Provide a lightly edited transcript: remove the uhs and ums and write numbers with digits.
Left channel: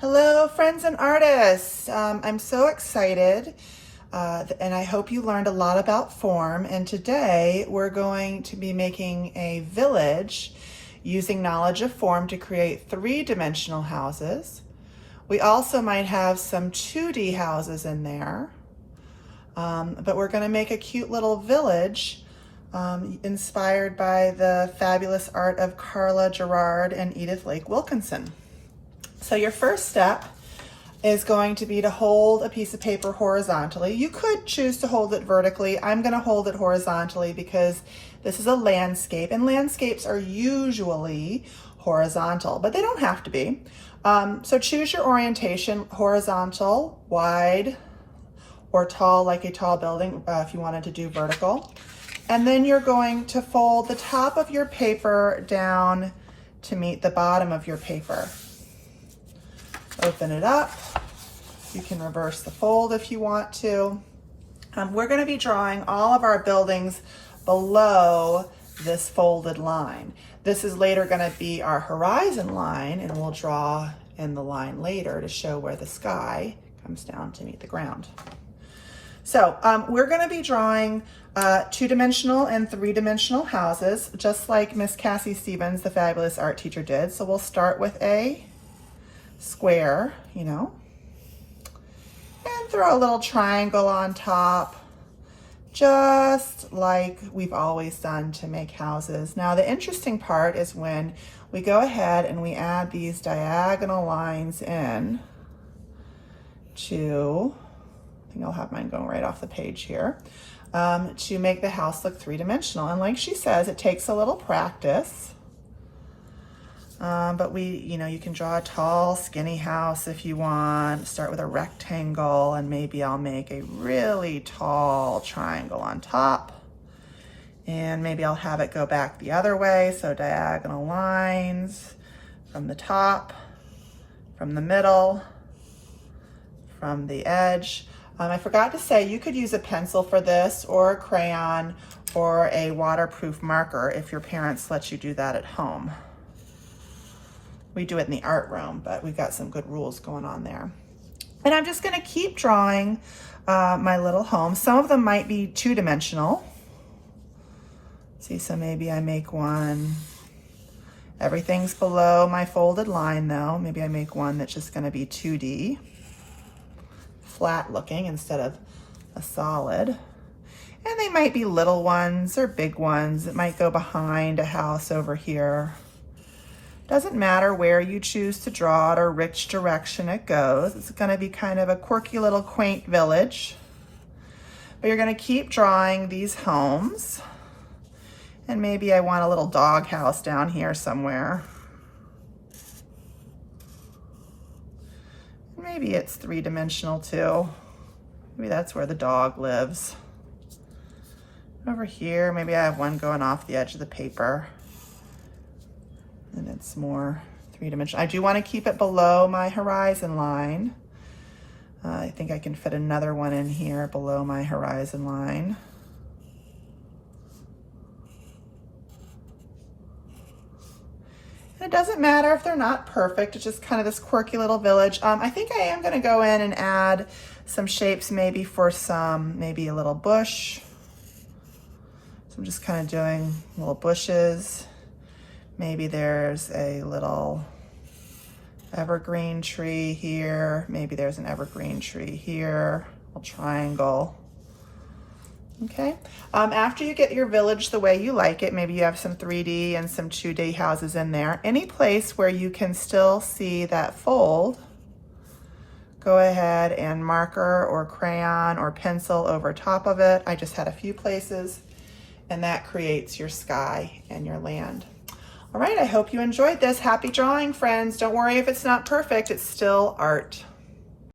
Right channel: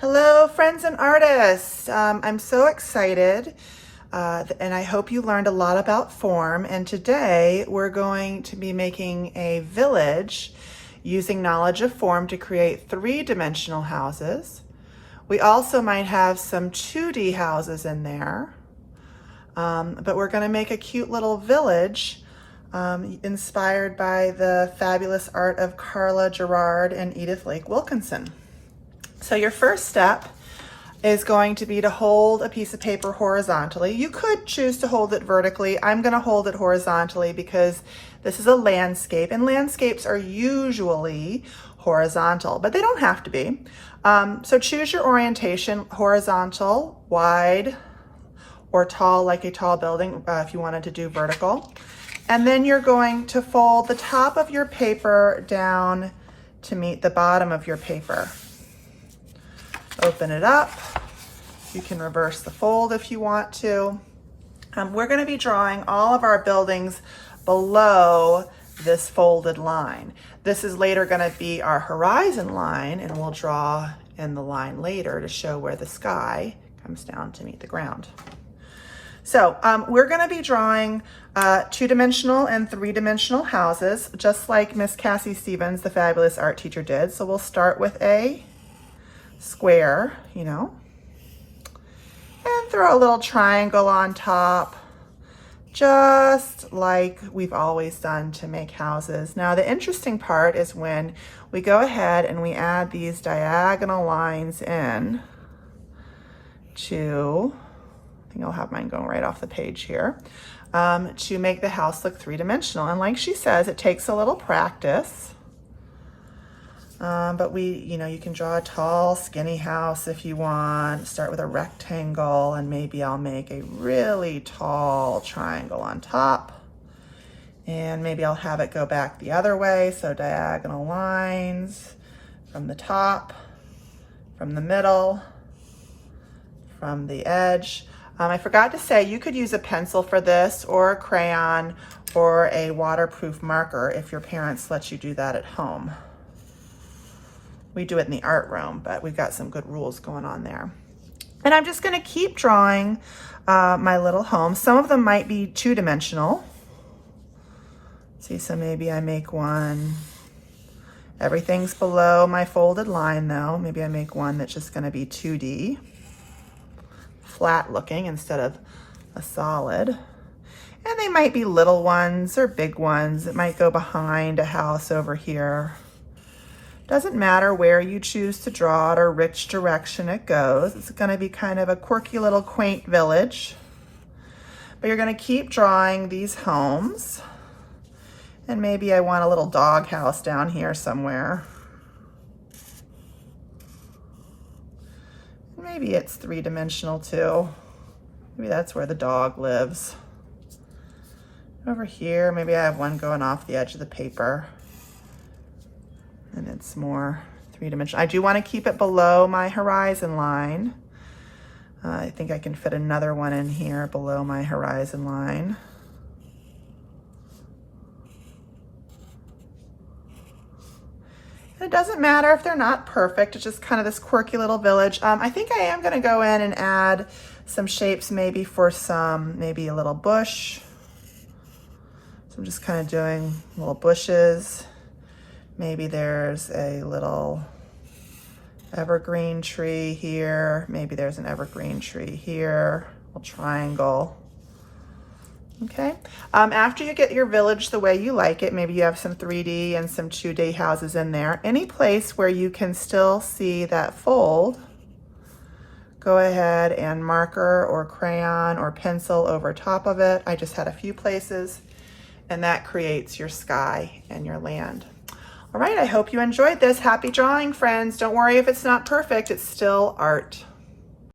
Hello, friends and artists. I'm so excited, and I hope you learned a lot about form. And today we're going to be making a village using knowledge of form to create three-dimensional houses. We also might have some 2D houses in there, but we're going to make a cute little village inspired by the fabulous art of Carla Gerard and Edith Lake Wilkinson. So your first step is going to be to hold a piece of paper horizontally. You could choose to hold it vertically. I'm going to hold it horizontally because this is a landscape, and landscapes are usually horizontal, but they don't have to be. So choose your orientation: horizontal, wide, or tall, like a tall building, if you wanted to do vertical. And then you're going to fold the top of your paper down to meet the bottom of your paper. Open it up. You can reverse the fold if you want to. We're going to be drawing all of our buildings below this folded line. This is later going to be our horizon line, and we'll draw in the line later to show where the sky comes down to meet the ground. So we're going to be drawing two-dimensional and three-dimensional houses, just like Miss Cassie Stevens, the fabulous art teacher, did. So we'll start with a square, and throw a little triangle on top, just like we've always done to make houses. Now, the interesting part is when we go ahead and we add these diagonal lines in to, I think I'll have mine going right off the page here, to make the house look three-dimensional. And like she says, it takes a little practice. But you can draw a tall, skinny house if you want. Start with a rectangle, and maybe I'll make a really tall triangle on top. And maybe I'll have it go back the other way, so diagonal lines from the top, from the middle, from the edge. I forgot to say, you could use a pencil for this, or a crayon, or a waterproof marker if your parents let you do that at home. We do it in the art room, but we've got some good rules going on there. And I'm just gonna keep drawing my little home. Some of them might be two-dimensional. See, so maybe I make one. Everything's below my folded line though. Maybe I make one that's just gonna be 2D, flat looking instead of a solid. And they might be little ones or big ones. It might go behind a house over here. Doesn't matter where you choose to draw it or which direction it goes. It's going to be kind of a quirky little quaint village. But you're going to keep drawing these homes. And maybe I want a little dog house down here somewhere. Maybe it's three-dimensional too. Maybe that's where the dog lives. Over here, maybe I have one going off the edge of the paper. And it's more three-dimensional. I do want to keep it below my horizon line. I think I can fit another one in here below my horizon line. And it doesn't matter if they're not perfect. It's just kind of this quirky little village. I think I am going to go in and add some shapes maybe for maybe a little bush. So I'm just kind of doing little bushes. Maybe there's a little evergreen tree here. Maybe there's an evergreen tree here, a triangle. Okay. After you get your village the way you like it, maybe you have some 3D and some 2D houses in there. Any place where you can still see that fold, go ahead and marker or crayon or pencil over top of it. I just had a few places, and that creates your sky and your land. All right, I hope you enjoyed this. Happy drawing, friends. Don't worry if it's not perfect, it's still art.